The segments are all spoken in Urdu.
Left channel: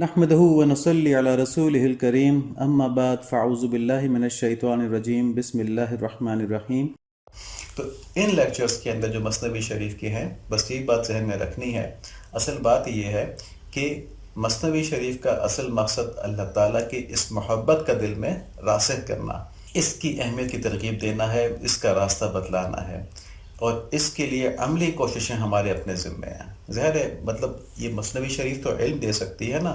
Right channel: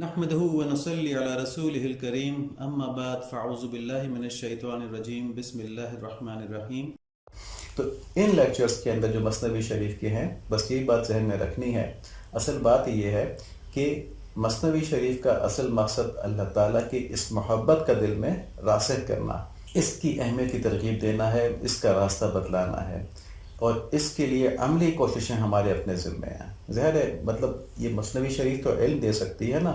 نحمده ونصلي على رسوله الكريم اما بعد فاعوذ باللہ من الشیطان الرجیم بسم اللہ الرحمن الرحیم۔ تو ان لیکچرز کے اندر جو مثنوی شریف کے ہیں، بس یہی بات ذہن میں رکھنی ہے۔ اصل بات یہ ہے کہ مثنوی شریف کا اصل مقصد اللہ تعالیٰ کی اس محبت کا دل میں راسخ کرنا، اس کی اہمیت کی ترغیب دینا ہے، اس کا راستہ بتلانا ہے، اور اس کے لیے عملی کوششیں ہمارے اپنے ذمے ہیں۔ ظاہر ہے مطلب یہ مثنوی شریف تو علم دے سکتی ہے نا،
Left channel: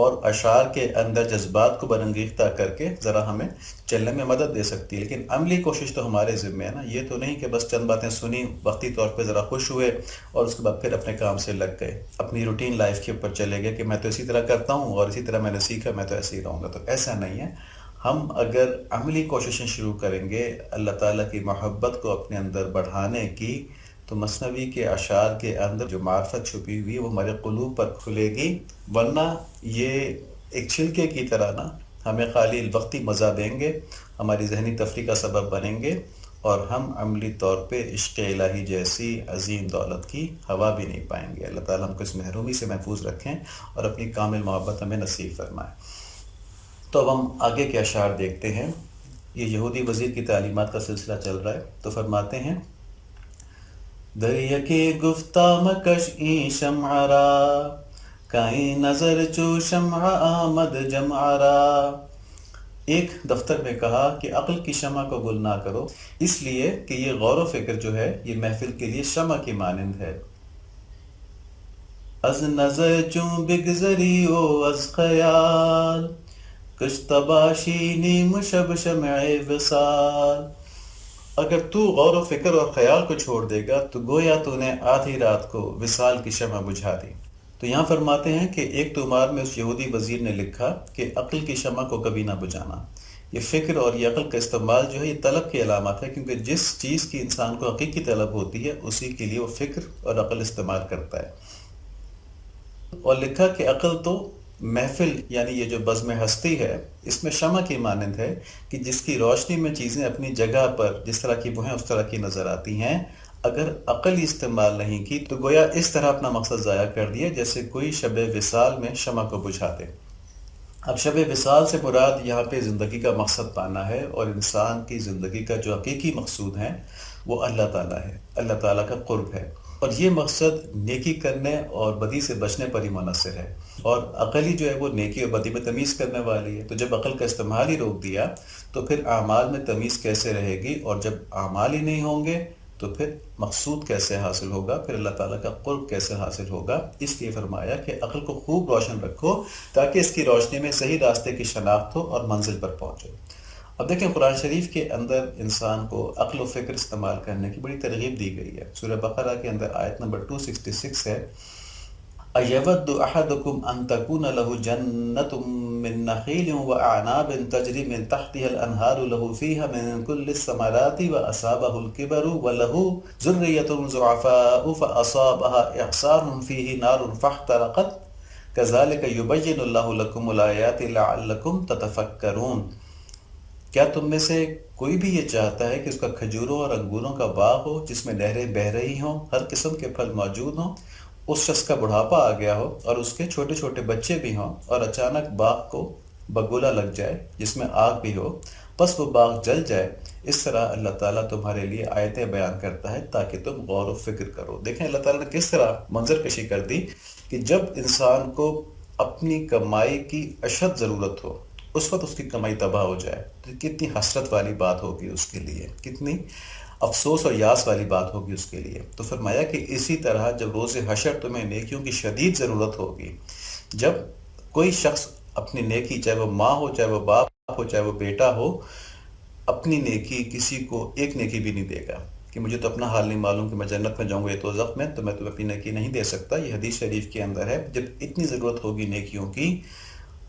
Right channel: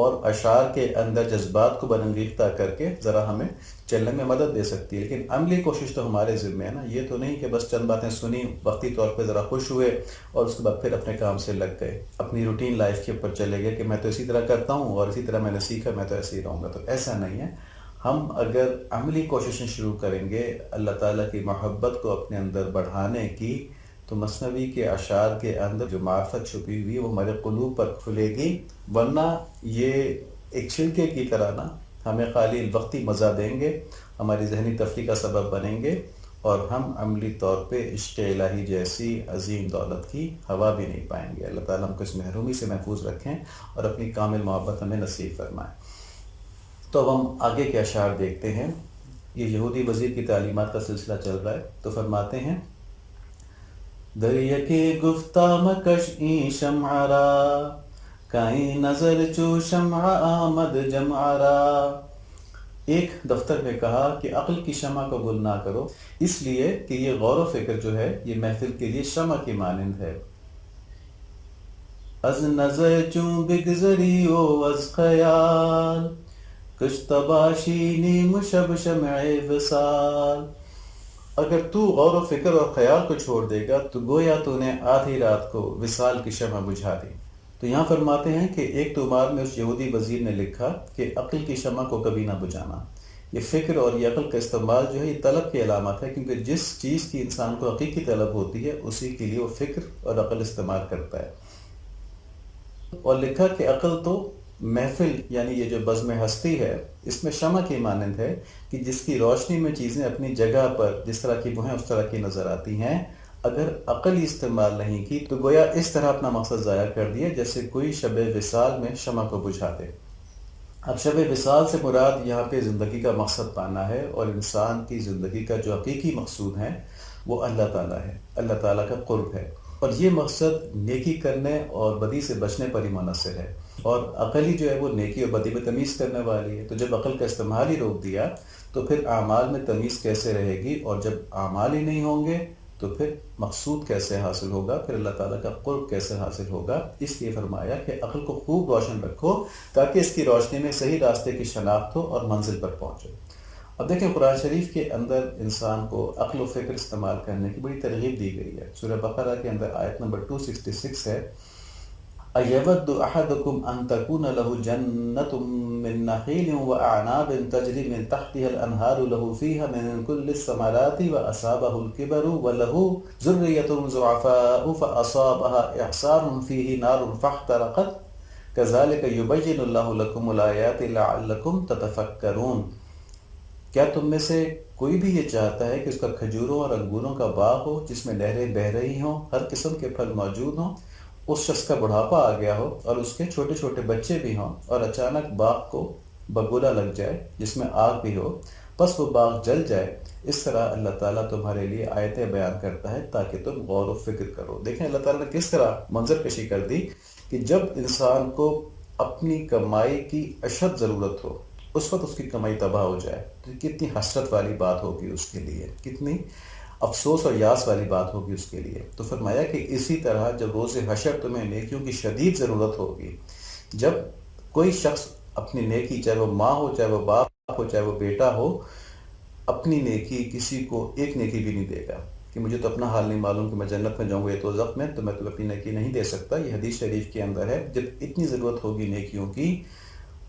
اور اشعار کے اندر جذبات کو برانگیختہ کر کے ذرا ہمیں چلنے میں مدد دے سکتی ہے، لیکن عملی کوشش تو ہمارے ذمے ہے نا۔ یہ تو نہیں کہ بس چند باتیں سنی، وقتی طور پہ ذرا خوش ہوئے اور اس کے بعد پھر اپنے کام سے لگ گئے، اپنی روٹین لائف کے اوپر چلے گئے کہ میں تو اسی طرح کرتا ہوں اور اسی طرح میں نے سیکھا، میں تو ایسے ہی رہوں گا۔ تو ایسا نہیں ہے۔ ہم اگر عملی کوششیں شروع کریں گے اللہ تعالیٰ کی محبت کو اپنے اندر بڑھانے کی، تو مثنوی کے اشعار کے اندر جو معرفت چھپی ہوئی وہ ہمارے قلوب پر کھلے گی، ورنہ یہ ایک چھلکے کی طرح نا ہمیں خالی وقتی مزہ دیں گے، ہماری ذہنی تفریح کا سبب بنیں گے، اور ہم عملی طور پہ عشق الہی جیسی عظیم دولت کی ہوا بھی نہیں پائیں گے۔ اللہ تعالیٰ ہم کو اس محرومی سے محفوظ رکھیں اور اپنی کامل محبت ہمیں نصیب فرمائیں۔ تو اب ہم آگے کے اشعار دیکھتے ہیں۔ یہ یہودی وزیر کی تعلیمات کا سلسلہ چل رہا ہے، تو فرماتے ہیں: دریا کے گفتہ مکش ای شمعرا، کائیں نظر چو شمع آمد جمعرا۔ ایک دفتر میں کہا کہ عقل کی شمع کو گل نہ کرو، اس لیے کہ یہ غور و فکر جو ہے یہ محفل کے لیے شمع کی مانند ہے۔ از نظر چوں بگذری او از خیال، کشتباشی مشب شمع وصال۔ اگر تو غور و فکر اور خیال کو چھوڑ دے گا تو گویا تو نے آدھی رات کو وصال کی شمع بجھا دی۔ تو یہاں فرماتے ہیں کہ ایک تومار میں اس یہودی وزیر نے لکھا کہ عقل کی شمع کو کبھی نہ بجھانا۔ یہ فکر اور یہ عقل کا استعمال جو ہے یہ طلب کی علامت ہے، کیونکہ جس چیز کی انسان کو حقیقی طلب ہوتی ہے اسی کے لیے وہ فکر اور عقل استعمال کرتا ہے۔ اور لکھا کہ عقل تو محفل یعنی یہ جو بزم ہستی ہے اس میں شمع کی مانند ہے کہ جس کی روشنی میں چیزیں اپنی جگہ پر جس طرح کی وہ ہیں اس طرح کی نظر آتی ہیں۔ اگر عقل استعمال نہیں کی تو گویا اس طرح اپنا مقصد ضائع کر دیا جیسے کوئی شب وصال میں شمع کو بجھا دے۔ اب شب وصال سے مراد یہاں پہ زندگی کا مقصد پانا ہے، اور انسان کی زندگی کا جو حقیقی مقصود ہے وہ اللہ تعالیٰ ہے، اللہ تعالیٰ کا قرب ہے، اور یہ مقصد نیکی کرنے اور بدی سے بچنے پر ہی منحصر ہے، اور عقل ہی جو ہے وہ نیکی اور بدی میں تمیز کرنے والی ہے۔ تو جب عقل کا استعمال ہی روک دیا تو پھر اعمال میں تمیز کیسے رہے گی، اور جب اعمال ہی نہیں ہوں گے تو پھر مقصود کیسے حاصل ہوگا، پھر اللہ تعالیٰ کا قرب کیسے حاصل ہوگا۔ اس لیے فرمایا کہ عقل کو خوب روشن رکھو تاکہ اس کی روشنی میں صحیح راستے کی شناخت ہو اور منزل پر پہنچو۔ اب دیکھیں قرآن شریف کے اندر انسان کو عقل و فکر استعمال کرنے کی بڑی ترغیب دی گئی ہے۔ سورہ بقرہ کے اندر آیت نمبر 266 ہے: اَيَوَدُّ أَحَدُكُمْ أَن تَكُونَ لَهُ جَنَّةٌ مِّن نَخِيلٍ وَأَعْنَابٍ تَجْرِي مِن تَحْتِهَا الْأَنْهَارُ لَهُ فِيهَا مِن كُلِّ الثَّمَرَاتِ وَأَصَابَهُ الْكِبَرُ وَلَهُ ذُرِّيَّةٌ ضُعَفَاءُ فَأَصَابَهَا إِعْصَارٌ فِيهِ نَارٌ فَاحْتَرَقَتْ كَذَلِكَ يُبَيِّنُ اللَّهُ لَكُمُ الْآيَاتِ لَعَلَّكُمْ تَتَفَكَّرُونَ۔ کیا تم میں سے کوئی بھی یہ چاہتا ہے کہ اس کا کھجوروں اور انگوروں کا باغ ہو جس میں نہریں بہہ رہی ہوں، ہر قسم کے پھل موجود ہوں، اس شخص کا بڑھاپا آ گیا ہو اور اس کے چھوٹے چھوٹے بچے بھی ہوں، اور اچانک باغ کو بگولا لگ جائے جس میں آگ بھی ہو، بس وہ باغ جل جائے۔ اس طرح اللہ تعالیٰ تمہارے لیے آیتیں بیان کرتا ہے تاکہ تم غور و فکر کرو۔ دیکھیں اللہ تعالیٰ نے کس طرح منظر کشی کر دی کہ جب انسان کو اپنی کمائی کی اشد ضرورت ہو اس وقت اس کی کمائی تباہ ہو جائے تو کتنی حسرت والی بات ہوگی اس کے لیے، کتنی افسوس اور یاس والی بات ہوگی اس کے لیے۔ تو فرمایا کہ اسی طرح جب روز حشر تمہیں نیکیوں کی شدید ضرورت ہوگی، جب کوئی شخص اپنی نیکی، چاہے وہ ماں ہو، چاہے وہ باپ ہو، چاہے وہ بیٹا ہو، اپنی نیکی کسی کو ایک نیکی بھی نہیں دے گا کہ مجھے تو اپنا حال نہیں معلوم کہ میں جنت میں جاؤں گا یا دوزخ میں، تو میں تو اپنی نیکی نہیں دے سکتا۔ یہ حدیث شریف کے اندر ہے، جب اتنی ضرورت ہوگی نیکیوں کی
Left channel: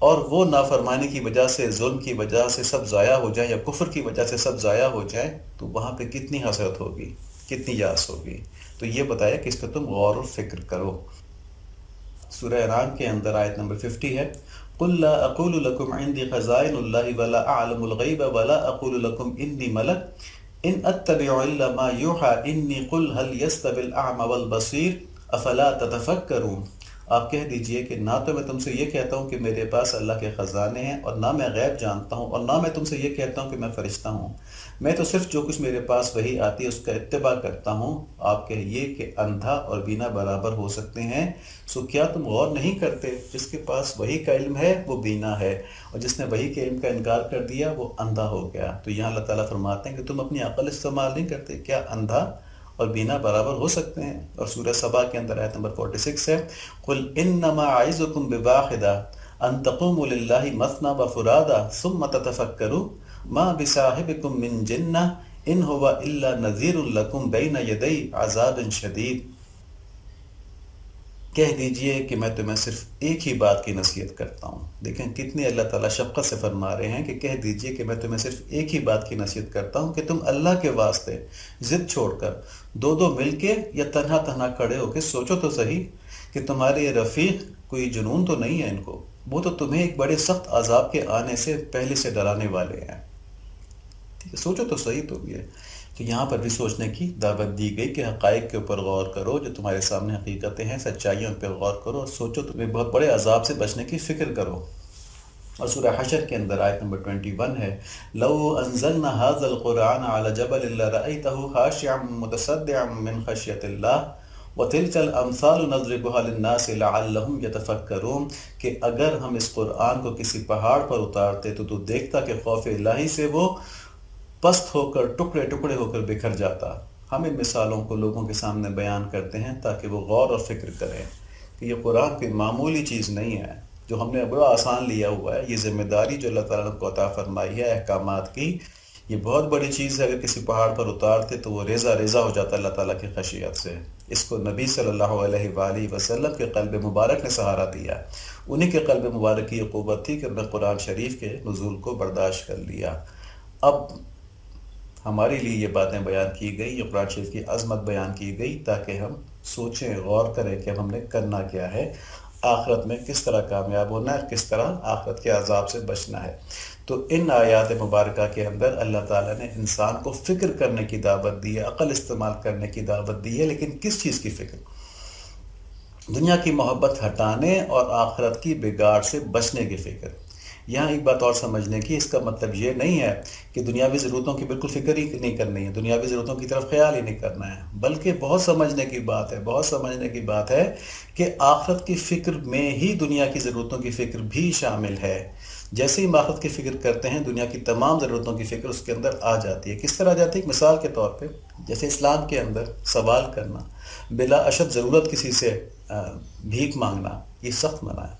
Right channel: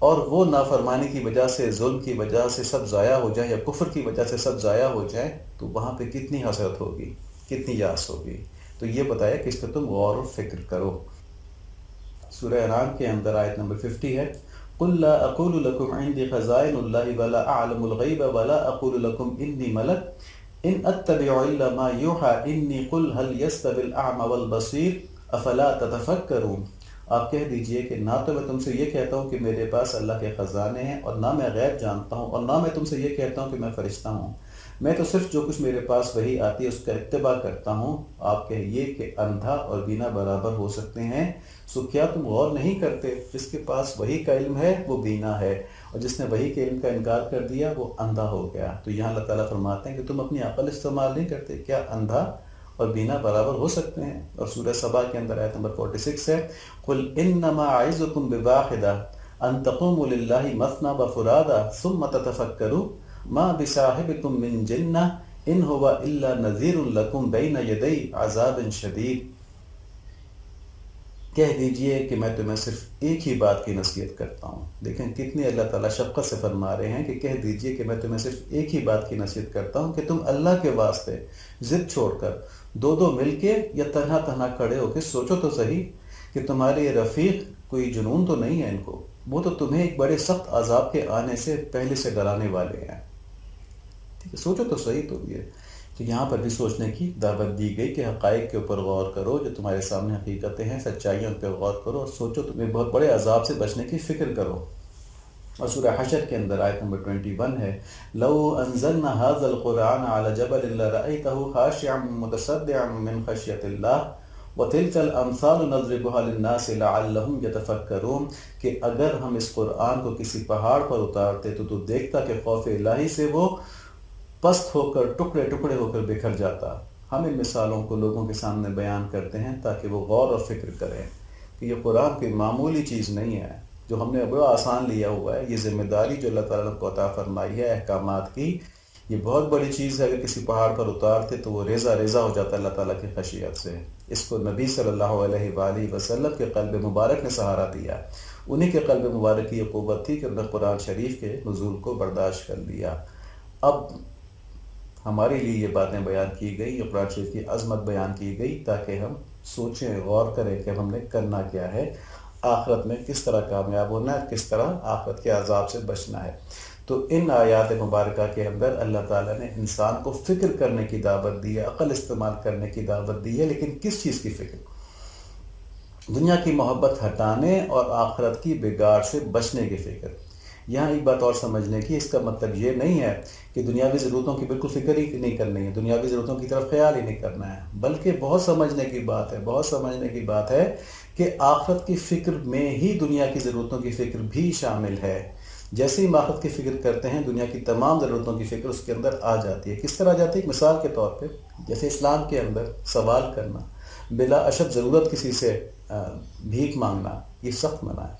اور وہ نافرمانی کی وجہ سے، ظلم کی وجہ سے سب ضائع ہو جائیں یا کفر کی وجہ سے سب ضائع ہو جائیں، تو وہاں پہ کتنی حسرت ہوگی، کتنی یاس ہوگی۔ تو یہ بتایا کہ اس پہ تم غور و فکر کرو۔ سورہ انعام کے اندر آیت نمبر 50 ہے: قُلْ لَا أَقُولُ لَكُمْ عِنْدِي خَزَائِنُ اللَّهِ وَلَا أَعْلَمُ الْغَيْبَ وَلَا أَقُولُ لَكُمْ إِنِّي مَلَكٌ إِنْ أَتَّبِعُ إِلَّا مَا يُوحَىٰ إِنِّي قُلْ هَلْ يَسْتَوِي الْأَعْمَى وَالْبَصِيرُ أَفَلَا تَتَفَكَّرُونَ۔ آپ کہہ دیجئے کہ نہ تو میں تم سے یہ کہتا ہوں کہ میرے پاس اللہ کے خزانے ہیں، اور نہ میں غیب جانتا ہوں، اور نہ میں تم سے یہ کہتا ہوں کہ میں فرشتہ ہوں، میں تو صرف جو کچھ میرے پاس وحی آتی ہے اس کا اتباع کرتا ہوں۔ آپ کہیے کہ اندھا اور بینا برابر ہو سکتے ہیں، سو کیا تم غور نہیں کرتے؟ جس کے پاس وحی کا علم ہے وہ بینا ہے، اور جس نے وحی کے علم کا انکار کر دیا وہ اندھا ہو گیا۔ تو یہاں اللہ تعالیٰ فرماتے ہیں کہ تم اپنی عقل استعمال نہیں کرتے، کیا اندھا اور بینا برابر ہو سکتے ہیں؟ اور سورہ سبا کے اندر آیت نمبر 46 ہے، قُلْ إِنَّمَا أَعِظُكُمْ بِوَاحِدَةٍ أَن تَقُومُوا لِلَّهِ مَثْنَىٰ وَفُرَادَىٰ ثُمَّ تَتَفَكَّرُوا مَا بِصَاحِبِكُم مِّن جِنَّةٍ إِنْ هُوَ إِلَّا نَذِيرٌ لَكُمْ بَيْنَ يَدَيْ عَذَابٍ شَدِيدٍ۔ کہہ دیجئے کہ میں تمہیں صرف ایک ہی بات کی نصیحت کرتا ہوں۔ دیکھیں کتنی اللہ تعالیٰ شفقت سے فرما رہے ہیں کہ کہہ دیجئے کہ میں تمہیں صرف ایک ہی بات کی نصیحت کرتا ہوں کہ تم اللہ کے واسطے ضد چھوڑ کر دو دو مل کے یا تنہا تنہا کھڑے ہو کے سوچو تو صحیح کہ تمہارے یہ رفیق کوئی جنون تو نہیں ہے ان کو، وہ تو تمہیں ایک بڑے سخت عذاب کے آنے سے پہلے سے ڈرانے والے ہیں۔ ٹھیک ہے، سوچو تو صحیح تم یہ۔ تو یہاں پر بھی سوچنے کی دعوت دی گئی کہ حقائق کے اوپر غور کرو، جو تمہارے سامنے حقیقتیں ہیں، سچائیوں پر غور کرو، اور سوچو تمہیں بہت بڑے عذاب سے بچنے کی فکر کرو۔ اور سورہ حشر کے اندر آیت نمبر 21 ہے، لَوْ أَنزَلْنَا هَذَا الْقُرْآنَ عَلَى جَبَلٍ لَرَأَيْتَهُ خَاشِعًا مُتَصَدِّعًا مِّنْ خَشْيَةِ اللَّهِ وَتِلْكَ الْأَمْثَالُ نَضْرِبُهَا لِلنَّاسِ لَعَلَّهُمْ يَتَفَكَّرُونَ، کہ اگر ہم اس قرآن کو کسی پہاڑ پر اتارتے تو دیکھتا کہ خوف الہی سے وہ پست ہو کر ٹکڑے ٹکڑے ہو کر بکھر جاتا۔ ہم ان مثالوں کو لوگوں کے سامنے بیان کرتے ہیں تاکہ وہ غور اور فکر کریں کہ یہ قرآن کوئی معمولی چیز نہیں ہے جو ہم نے بڑا آسان لیا ہوا ہے۔ یہ ذمہ داری جو اللہ تعالیٰ کو عطا فرمائی ہے احکامات کی، یہ بہت بڑی چیز ہے۔ اگر کسی پہاڑ پر اتارتے تو وہ ریزہ ریزہ ہو جاتا اللہ تعالیٰ کی خشیت سے۔ اس کو نبی صلی اللہ علیہ وآلہ وسلم کے قلب مبارک نے سہارا دیا، انہی کے قلب مبارک کی یہ قوت تھی کہ انہوں نے قرآن شریف کے نزول کو برداشت کر لیا۔ اب ہمارے لیے یہ باتیں بیان کی گئی، یہ قرآن شریف کی عظمت بیان کی گئی تاکہ ہم سوچیں، غور کریں کہ ہم نے کرنا کیا ہے، آخرت میں کس طرح کامیاب ہونا ہے، کس طرح آخرت کے عذاب سے بچنا ہے۔ تو ان آیات مبارکہ کے اندر اللہ تعالیٰ نے انسان کو فکر کرنے کی دعوت دی ہے، عقل استعمال کرنے کی دعوت دی ہے، لیکن کس چیز کی فکر؟ دنیا کی محبت ہٹانے اور آخرت کی بگاڑ سے بچنے کی فکر۔ یہاں ایک بات اور سمجھنے کی، اس کا مطلب یہ نہیں ہے کہ دنیاوی ضرورتوں کی بالکل فکر ہی نہیں کرنی ہے، دنیاوی ضرورتوں کی طرف خیال ہی نہیں کرنا ہے، بلکہ بہت سمجھنے کی بات ہے، بہت سمجھنے کی بات ہے کہ آخرت کی فکر میں ہی دنیا کی ضرورتوں کی فکر بھی شامل ہے۔ جیسے ہی ہم آخرت کی فکر کرتے ہیں، دنیا کی تمام ضرورتوں کی فکر اس کے اندر آ جاتی ہے۔ کس طرح آ جاتی ہے؟ مثال کے طور پہ جیسے اسلام کے اندر سوال کرنا، بلا اشد ضرورت کسی سے بھیک مانگنا، یہ سخت منع ہے۔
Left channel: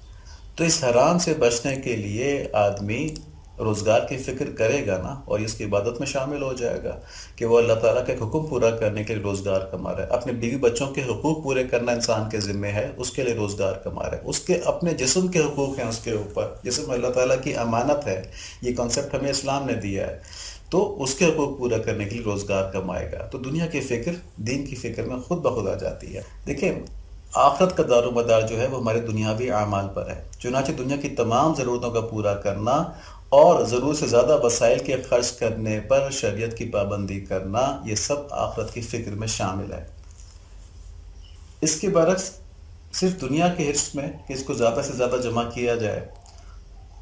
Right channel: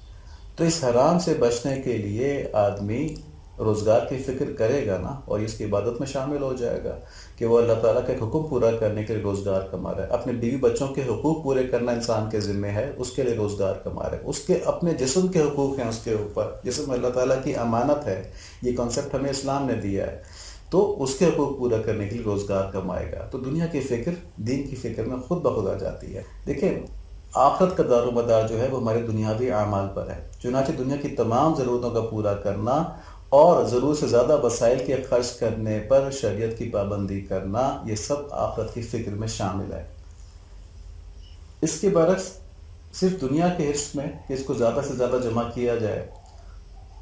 تو اس حرام سے بچنے کے لیے آدمی روزگار کی فکر کرے گا نا، اور اس کی عبادت میں شامل ہو جائے گا کہ وہ اللہ تعالیٰ کے حکم پورا کرنے کے لیے روزگار کما رہا ہے، اپنے بیوی بچوں کے حقوق پورے کرنا انسان کے ذمہ ہے، اس کے لیے روزگار کما رہا ہے، اس کے اپنے جسم کے حقوق ہیں اس کے اوپر، جسم اللہ تعالیٰ کی امانت ہے، یہ کنسیپٹ ہمیں اسلام نے دیا ہے، تو اس کے حقوق پورا کرنے کے لیے روزگار کمائے گا۔ تو دنیا کی فکر دین کی فکر میں خود بخود آ جاتی ہے۔ دیکھیں آخرت کا دار و مدار جو ہے وہ ہمارے دنیاوی اعمال پر ہے، چنانچہ دنیا کی تمام ضرورتوں کا پورا کرنا اور ضرورت سے زیادہ وسائل کے خرچ کرنے پر شریعت کی پابندی کرنا، یہ سب آخرت کی فکر میں شامل ہے۔ اس کے برعکس صرف دنیا کے حرص میں کہ اس کو زیادہ سے زیادہ جمع کیا جائے،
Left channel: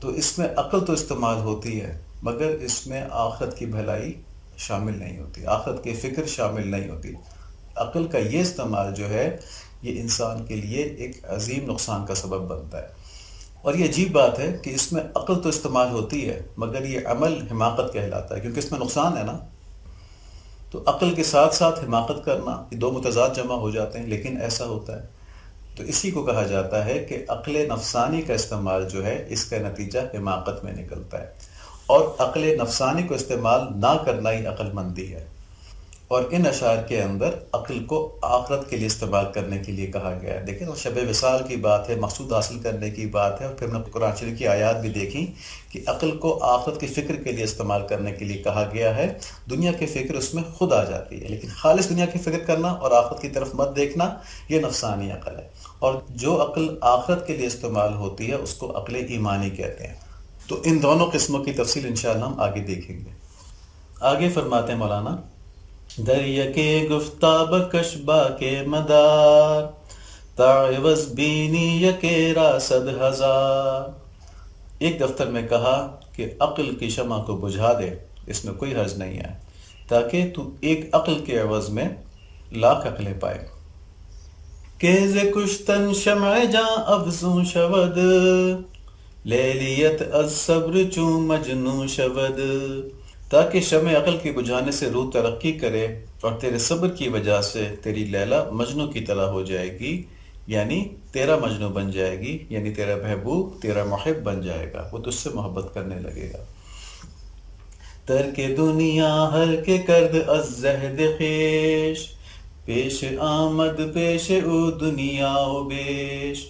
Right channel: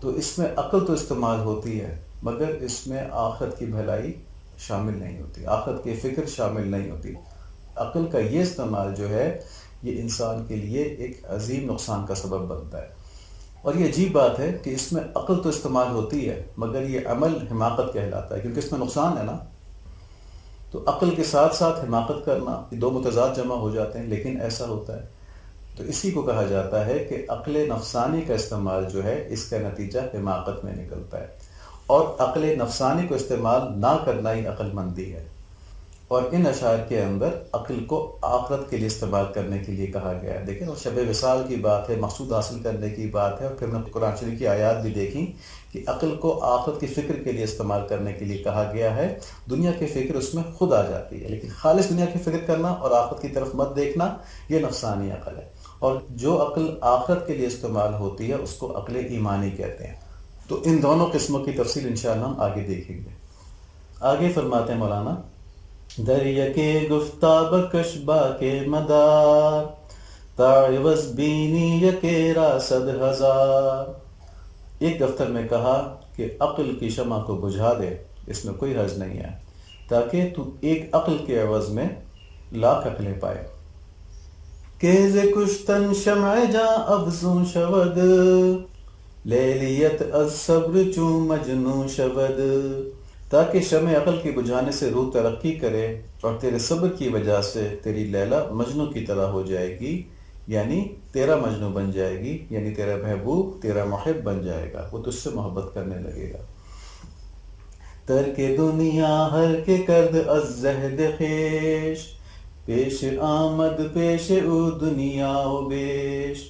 تو اس میں عقل تو استعمال ہوتی ہے مگر اس میں آخرت کی بھلائی شامل نہیں ہوتی، آخرت کی فکر شامل نہیں ہوتی۔ عقل کا یہ استعمال جو ہے یہ انسان کے لیے ایک عظیم نقصان کا سبب بنتا ہے۔ اور یہ عجیب بات ہے کہ اس میں عقل تو استعمال ہوتی ہے مگر یہ عمل حماقت کہلاتا ہے، کیونکہ اس میں نقصان ہے نا۔ تو عقل کے ساتھ ساتھ حماقت کرنا، یہ دو متضاد جمع ہو جاتے ہیں، لیکن ایسا ہوتا ہے۔ تو اسی کو کہا جاتا ہے کہ عقل نفسانی کا استعمال جو ہے اس کا نتیجہ حماقت میں نکلتا ہے، اور عقل نفسانی کو استعمال نہ کرنا ہی عقل مندی ہے۔ اور ان اشعار کے اندر عقل کو آخرت کے لیے استعمال کرنے کے لیے کہا گیا ہے۔ دیکھیں شب وصال کی بات ہے، مقصود حاصل کرنے کی بات ہے، اور پھر ہم نے قرآن شریف کی آیات بھی دیکھی کہ عقل کو آخرت کی فکر کے لیے استعمال کرنے کے لیے کہا گیا ہے۔ دنیا کی فکر اس میں خود آ جاتی ہے، لیکن خالص دنیا کی فکر کرنا اور آخرت کی طرف مت دیکھنا، یہ نفسانی عقل ہے۔ اور جو عقل آخرت کے لیے استعمال ہوتی ہے اس کو عقل ایمانی کہتے ہیں۔ تو ان دونوں قسموں کی تفصیل انشاءاللہ ہم آگے دیکھیں گے۔ آگے فرماتے ہیں مولانا، دریا کے گفتاب کشبہ کے مدار تعوض بینی یکیرا 100,000. ایک دفتر میں کہا کہ عقل کی شمع کو بجھا دے، اس میں کوئی حرج نہیں ہے، تاکہ تو ایک عقل کے عوض میں لاکھ عقلیں پائے. کیز کشتن شمع جاں افزوں شود، لیلیت از صبر چوں مجنوں شود. تاکہ شمع عقل کی بجھانے سے روح ترقی کرے اور تیرے صبر کی وجہ سے تیری لیلا مجنوں کی طرح ہو جائے گی، یعنی تیرا مجنوں بن جائے گی، یعنی تیرا محبوب، تیرا محب بن جائے گا، وہ تجھ سے محبت کرنے لگے گا. ترک دنیا ہر کے کرد از زہد خیش، پیش آمد پیش او دنیا و بیش.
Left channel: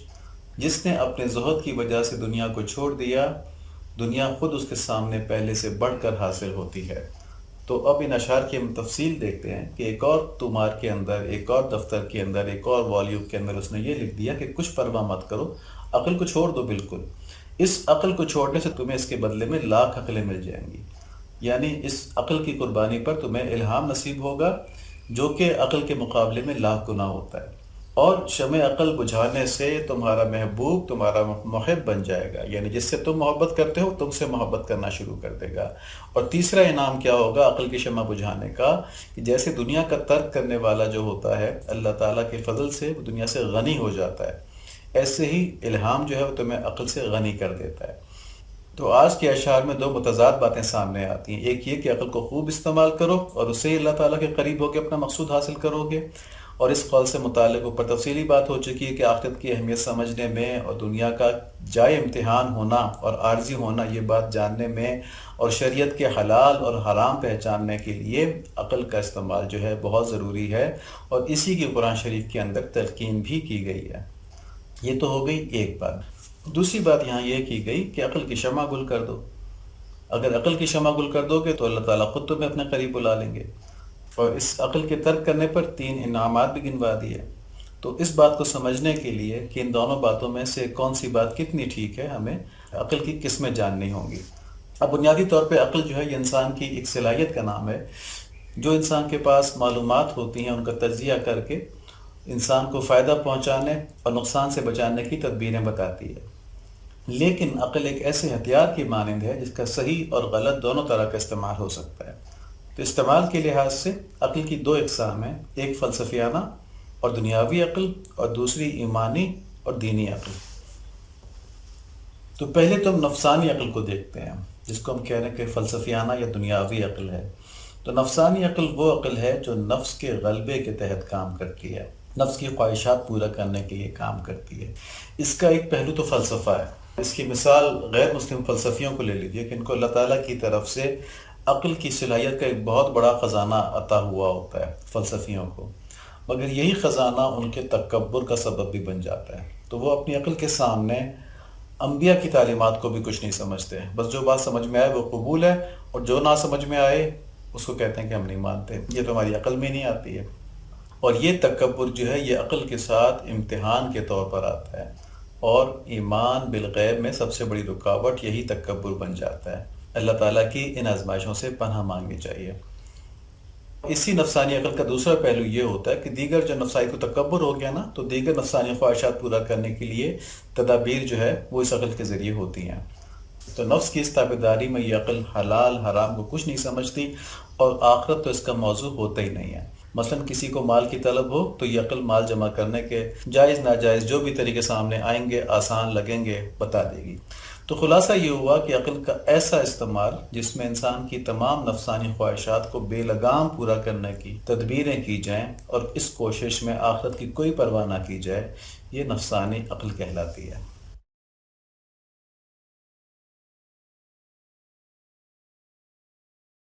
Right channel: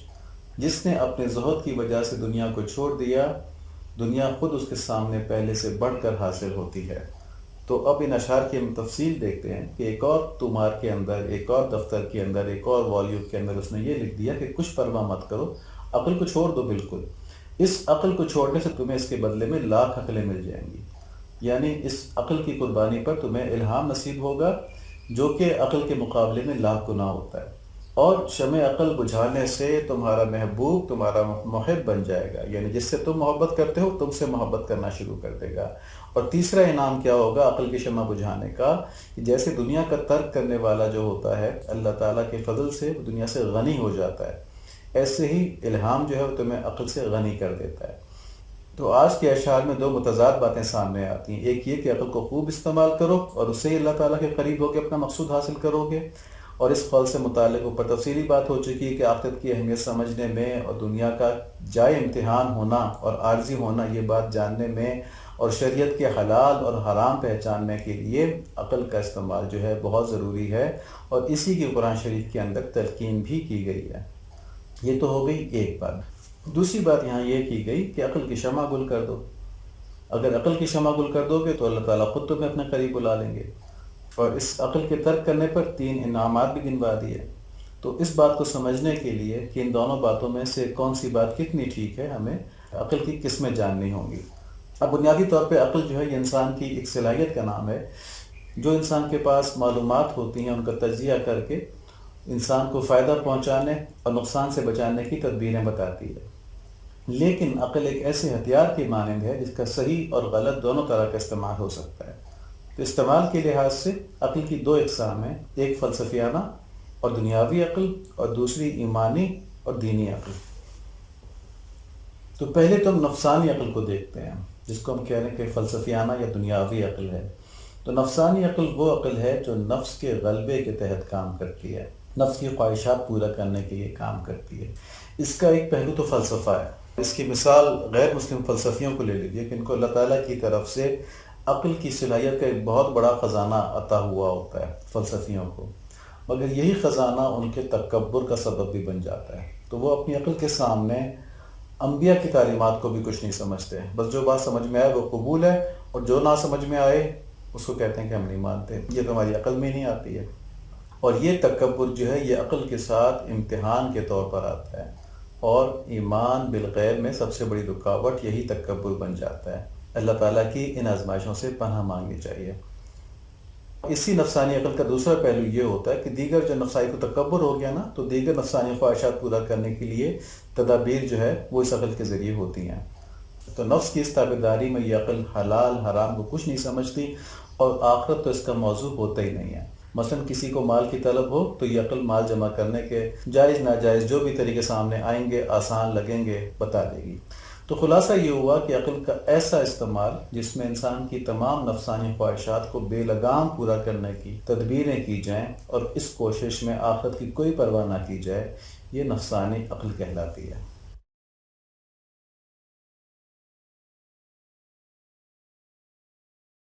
جس نے اپنے زہد کی وجہ سے دنیا کو چھوڑ دیا، دنیا خود اس کے سامنے پہلے سے بڑھ کر حاصل ہوتی ہے. تو اب ان اشعار کی ہم تفصیل دیکھتے ہیں کہ ایک اور تمہار کے اندر، ایک اور دفتر کے اندر، ایک اور والیوم کے اندر اس نے یہ لکھ دیا کہ کچھ پرواہ مت کرو، عقل کو چھوڑ دو بالکل. اس عقل کو چھوڑنے سے تمہیں اس کے بدلے میں لاکھ عقلیں مل جائیں گی، یعنی اس عقل کی قربانی پر تمہیں الہام نصیب ہوگا، جو کہ عقل کے مقابلے میں لاکھ گنا ہوتا ہے. اور شمع عقل بجھانے سے تمہارا محبوب تمہارا محب بن جائے گا، یعنی جس سے تم محبت کرتے ہو تم سے محبت کرنا شروع کر دے گا. اور تیسرا انعام کیا ہوگا عقل کی شمع بجھانے کا، کہ جیسے دنیا کا ترک کرنے والا جو ہوتا ہے اللہ تعالیٰ کے فضل سے دنیا سے غنی ہو جاتا ہے، ایسے ہی الہام جو ہے وہ تمہیں عقل سے غنی کر دیتا ہے. تو آج کے اشعار میں دو متضاد باتیں سامنے آتی ہیں. ایک یہ کہ عقل کو خوب استعمال کرو اور اس سے اللہ تعالیٰ کے قریب ہو کے اپنا مقصود حاصل کرو گے، اور اس قول سے متعلق اوپر تفصیلی بات ہو چکی ہے کہ آخرت کی اہمیت سمجھنے میں اور دنیا کا جائے امتحان ہونا اور عارضی ہونا یہ بات جاننے میں اور شریعت کے حلال اور حرام پہچاننے کے لیے عقل کا استعمال جو ہے بہت ضروری ہے، اور اسی کی قرآن شریف کے اندر تلقین بھی کی گئی ہے. یہ تو ہو گئی ایک بات. دوسری بات یہاں یہ کی گئی کہ عقل کی شمع گل کر دو. اگر عقل کی شمع گل کر دو گے تو اللہ تعالیٰ خود تمہیں اپنے قریب بلا لیں گے. اور اس عقل کے ترک کرنے پر 3 انعامات بھی گنوا دیے. تو اس بات کو سمجھنے کے لیے کہ ان دونوں باتوں میں سے کون سی بات کتنی ٹھیک ہے، ہمیں عقل کی قسمیں جاننی ہوں گی. اب بنیادی طور پہ عقل جو ہے یہ انسان کی ایک صلاحیت کا نام ہے، جو انسان کے پاس معلومات ہوتی ہیں ان کا تجزیہ کر کے انسان کو فائدہ پہنچانے اور نقصان سے بچانے کی تدبیریں بتاتی ہے. لیکن عقل ایک ایسے ہتھیار کی مانند ہے جس کا صحیح اور غلط دونوں طرح کا استعمال ہو سکتا ہے. تو استعمال کے لحاظ سے عقل کی 2 اقسام ہیں، ایک فلسفیانہ اور دنیاوی عقل اور دوسری ایمانی اور دینی عقل. تو پہلے تو ہم نفسانی عقل کو دیکھتے ہیں، جس کو ہم کہہ رہے ہیں کہ فلسفیانہ یا دنیاوی عقل ہے. تو نفسانی عقل وہ عقل ہے جو نفس کے غلبے کے تحت کام کرتی ہے، نفس کی خواہشات پورا کرنے کے لیے کام کرتی ہے. اس کا ایک پہلو تو فلسفہ ہے. اس کی مثال غیر مسلم فلسفیوں کو لے لیجیے کہ ان کو اللہ تعالیٰ کی طرف سے عقل کی صلاحیت کا ایک بہت بڑا خزانہ عطا ہوا ہوتا ہے فلسفیوں کو، مگر یہی خزانہ ان کے تکبر کا سبب بھی بن جاتا ہے. تو وہ اپنی عقل کے سامنے انبیاء کی تعلیمات کو بھی کچھ نہیں سمجھتے ہیں. بس جو بات سمجھ میں آئے وہ قبول ہے، اور جو نہ سمجھ میں آئے اس کو کہتے ہیں کہ ہم نہیں مانتے، یہ تو ہماری عقل میں نہیں آتی ہے. اور یہ تکبر جو ہے یہ عقل کے ساتھ امتحان کے طور پر آتا ہے، اور ایمان بالغیب میں سب سے بڑی رکاوٹ یہی تکبر بن جاتا ہے. اللہ تعالیٰ کی ان آزمائشوں سے پناہ مانگنی چاہیے. اسی نفسانی عقل کا دوسرا پہلو یہ ہوتا ہے کہ دیگر جو نفسائی کو تکبر ہو گیا نا، تو دیگر نفسانی خواہشات پورا کرنے کے لیے تدابیر جو ہے وہ اس عقل کے ذریعے ہوتی ہیں. تو نفس کی اس تابعداری میں یہ عقل حلال حرام کو کچھ نہیں سمجھتی، اور آخرت تو اس کا موضوع ہوتا ہی نہیں ہے. مثلا کسی کو مال کی طلب ہو تو یہ عقل مال جمع کرنے کے جائز ناجائز جو بھی طریقے سامنے آئیں گے، آسان لگیں گے، بتا دے گی. تو خلاصہ یہ ہوا کہ عقل کا ایسا استعمال جس میں انسان کی تمام نفسانی خواہشات کو بے لگام پورا کرنے کی تدبیریں کی جائیں اور اس کوشش میں آخرت کی کوئی پرواہ نہ کی جائے، یہ نفسانی عقل کہلاتی ہے.